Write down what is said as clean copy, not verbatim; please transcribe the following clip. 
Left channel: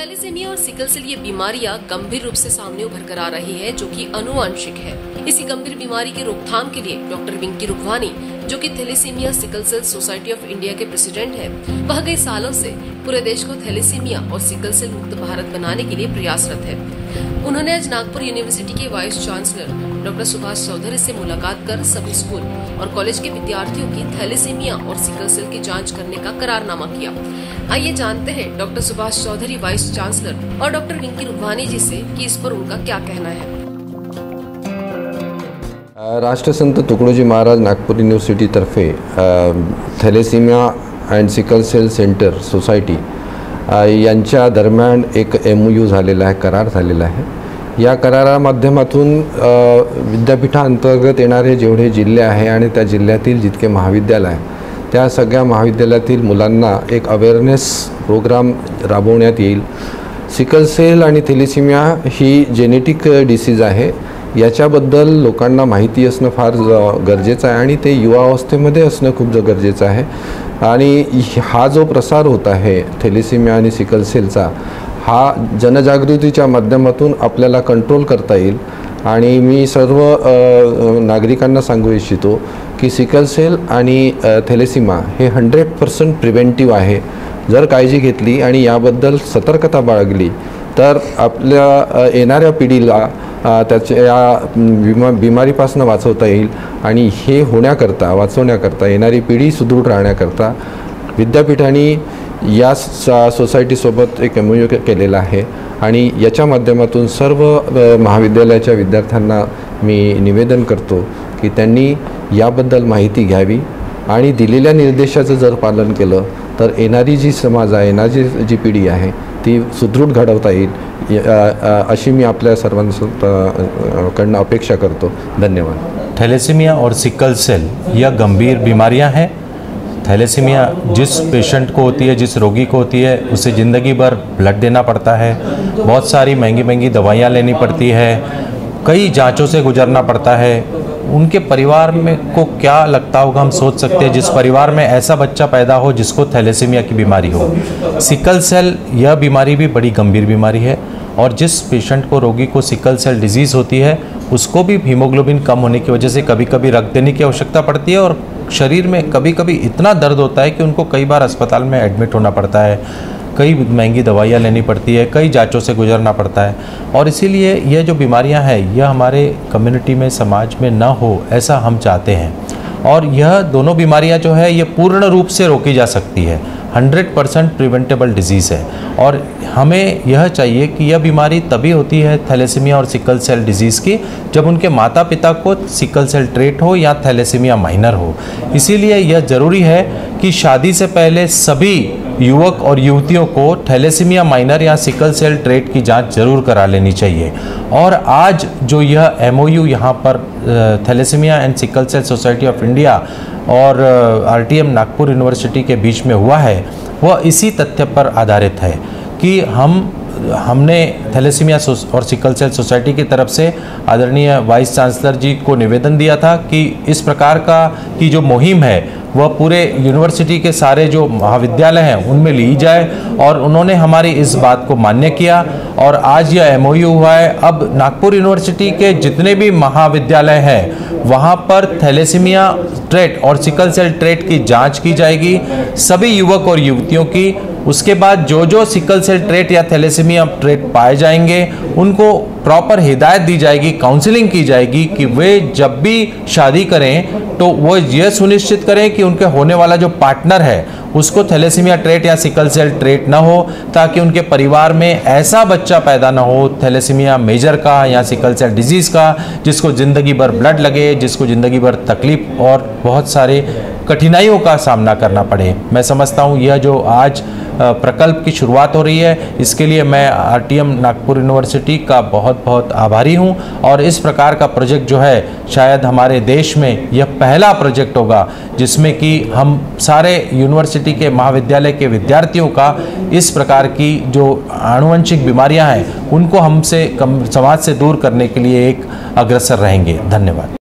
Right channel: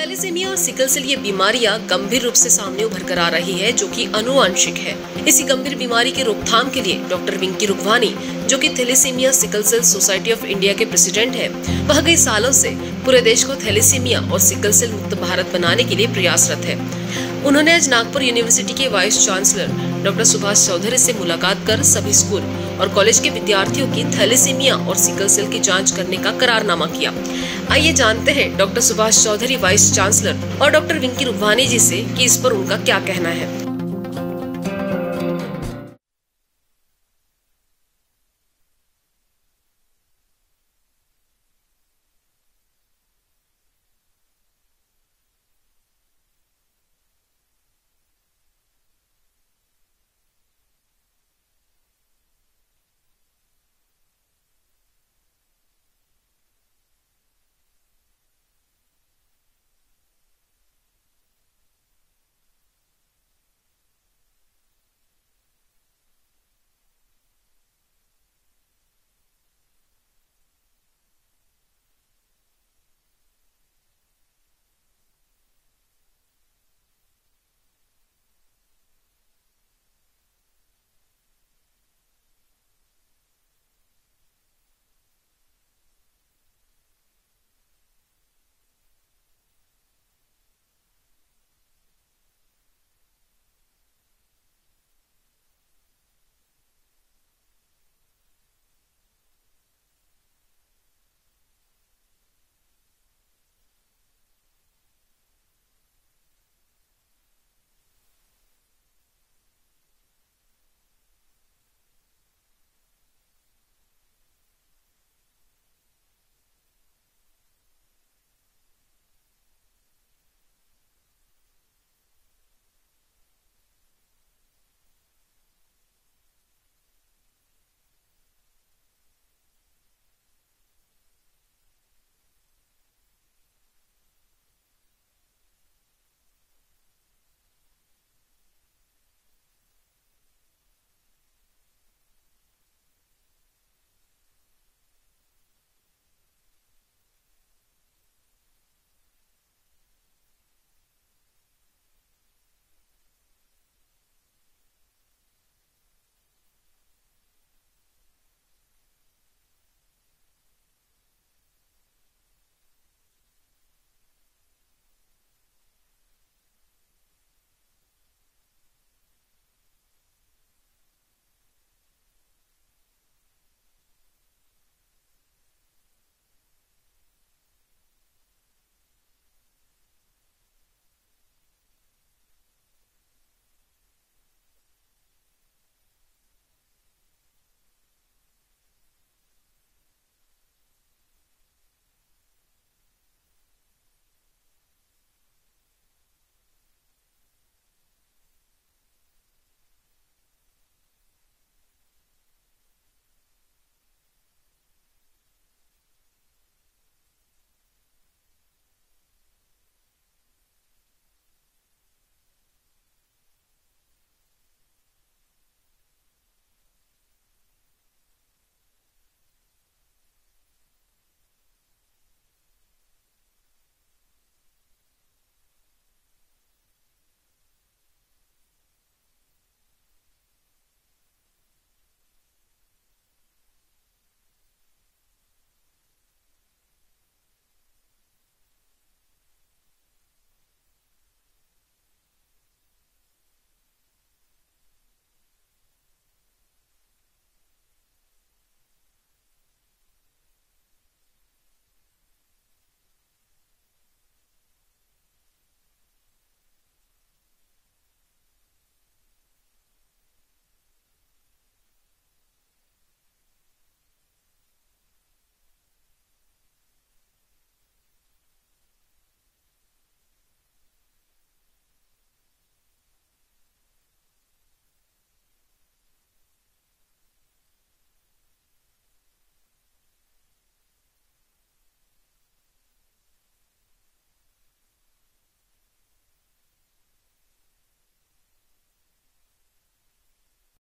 Thalassaemia और sickle cell ये बीमारियां गंभीर रूप से सामने उभर कर आ रही है, जो कि आनुवंशिक है। इसी गंभीर बीमारी की रोकथाम के लिए डॉक्टर विंकी रुघवानी, जो कि thalassemia sickle cell society of India के प्रेसिडेंट है, वह कई सालों से पूरे देश को थैलेसीमिया और सिकल सेल मुक्त भारत बनाने के लिए प्रयासरत है। उन्होंने आज नागपुर यूनिवर्सिटी के vice chancellor doctor Subhash Chaudhary से मुलाकात कर सभी स्कूल और कॉलेज के विद्यार्थियों की थैलेसीमिया और सिकल सेल की जांच करने का करारनामा किया। आइए जानते हैं doctor Subhash Chaudhary vice chancellor और डॉक्टर विंकी रुघवानी जी से कि इस पर उनका क्या कहना है। राष्ट्रसंत तुकडोजी महाराज नागपूर युनिव्हर्सिटी तर्फे thalassemia and sickle cell centre society यांच्या दरम्यान एक MOU झालेला आहे, करार झालेला आहे। या करारा माध्यमातून विद्यापीठांतर्गत येणारे जेवढे जिल्हे आहे आणि त्या जिल्ह्यातील जितके महाविद्यालय आहे त्या सगळ्या महाविद्यालयातील मुलांना एक अवेअरनेस प्रोग्राम राबवण्यात येईल। सिकल सेल आणि थॅलेसिमिया ही जेनेटिक डिसीज आहे, याच्याबद्दल लोकांना माहिती असणं फार गरजेचं आहे आणि ते युवावस्थेमध्ये असणं खूप गरजेचं आहे। आणि हा जो प्रसार होत आहे थॅलेसिमिया आणि सिकल सेलचा, हा जनजागृतीच्या माध्यमातून आपल्याला कंट्रोल करता येईल। आणि मी सर्व नागरिकांना सांगू इच्छितो की सिकल सेल आणि थॅलेसिमिया हे 100% प्रिव्हेंटिव्ह आहे। जर काळजी घेतली आणि याबद्दल सतर्कता बाळगली तर आपल्या येणाऱ्या पिढीला त्याच्या बिमारीपासून वाचवता येईल। आणि हे होण्याकरता वाचवण्याकरता येणारी पिढी सुदृढ राहण्याकरता विद्यापीठांनी या सोसायटीसोबत एक MOU केलेला आहे। आणि याच्या माध्यमातून सर्व महाविद्यालयाच्या विद्यार्थ्यांना मी निवेदन करतो की त्यांनी याबद्दल माहिती घ्यावी आणि दिलेल्या निर्देशाचं जर पालन केलं तर येणारी जी समाज आहे, येणारी जी पिढी आहे ती सुदृढ घडवता येईल, अशी मी आपल्या सर्वांकडून अपेक्षा करतो। धन्यवाद। थैलेसीमिया और सिकल सेल यह गंभीर बीमारियां हैं। थैलेसीमिया जिस पेशेंट को होती है, जिस रोगी को होती है, उसे ज़िंदगी भर ब्लड देना पड़ता है, बहुत सारी महंगी महंगी दवाइयाँ लेनी पड़ती है, कई जांचों से गुजरना पड़ता है। उनके परिवार में को क्या लगता होगा, हम सोच सकते हैं जिस परिवार में ऐसा बच्चा पैदा हो जिसको थैलेसीमिया की बीमारी हो। सिकल सेल यह बीमारी भी बड़ी गंभीर बीमारी है और जिस पेशेंट को, रोगी को सिकल सेल डिजीज़ होती है उसको भी हीमोग्लोबिन कम होने की वजह से कभी कभी रक्त देने की आवश्यकता पड़ती है और शरीर में कभी कभी इतना दर्द होता है कि उनको कई बार अस्पताल में एडमिट होना पड़ता है, कई महंगी दवाइयाँ लेनी पड़ती है, कई जांचों से गुजरना पड़ता है। और इसीलिए ये जो बीमारियां हैं यह हमारे कम्युनिटी में, समाज में ना हो, ऐसा हम चाहते हैं। और यह दोनों बीमारियां जो है ये पूर्ण रूप से रोकी जा सकती है, 100% प्रिवेंटेबल डिजीज़ है। और हमें यह चाहिए कि यह बीमारी तभी होती है थैलेसीमिया और सिकल सेल डिजीज़ की जब उनके माता पिता को सिकल सेल ट्रेट हो या थैलेसीमिया माइनर हो। इसीलिए यह ज़रूरी है कि शादी से पहले सभी युवक और युवतियों को थैलेसीमिया माइनर या सिकल सेल ट्रेट की जांच जरूर करा लेनी चाहिए। और आज जो यह MOU यहाँ पर thalassemia and sickle cell society of India और RTM नागपुर यूनिवर्सिटी के बीच में हुआ है, वह इसी तथ्य पर आधारित है कि हमने थैलेसीमिया और सिकल सेल सोसाइटी की तरफ से आदरणीय वाइस चांसलर जी को निवेदन दिया था कि इस प्रकार की जो मुहिम है वह पूरे यूनिवर्सिटी के सारे जो महाविद्यालय हैं उनमें ली जाए। और उन्होंने हमारी इस बात को मान्य किया और आज यह MOU हुआ है। अब नागपुर यूनिवर्सिटी के जितने भी महाविद्यालय हैं वहाँ पर थैलेसीमिया ट्रेट और सिकल सेल ट्रेट की जांच की जाएगी, सभी युवक और युवतियों की। उसके बाद जो सिकल सेल ट्रेट या थैलेसीमिया ट्रेट पाए जाएंगे उनको प्रॉपर हिदायत दी जाएगी, काउंसलिंग की जाएगी कि वे जब भी शादी करें तो वो ये सुनिश्चित करें कि उनके होने वाला जो पार्टनर है उसको थैलेसीमिया ट्रेट या सिकल सेल ट्रेट ना हो, ताकि उनके परिवार में ऐसा बच्चा पैदा ना हो थैलेसीमिया मेजर का या सिकल सेल डिजीज़ का जिसको ज़िंदगी भर ब्लड लगे, जिसको ज़िंदगी भर तकलीफ और बहुत सारे कठिनाइयों का सामना करना पड़े। मैं समझता हूँ यह जो आज प्रकल्प की शुरुआत हो रही है इसके लिए मैं RTM नागपुर यूनिवर्सिटी का बहुत बहुत आभारी हूं। और इस प्रकार का प्रोजेक्ट जो है शायद हमारे देश में यह पहला प्रोजेक्ट होगा जिसमें कि हम सारे यूनिवर्सिटी के महाविद्यालय के विद्यार्थियों का इस प्रकार की जो आनुवंशिक बीमारियां हैं उनको हमसे समाज से दूर करने के लिए एक अग्रसर रहेंगे। धन्यवाद।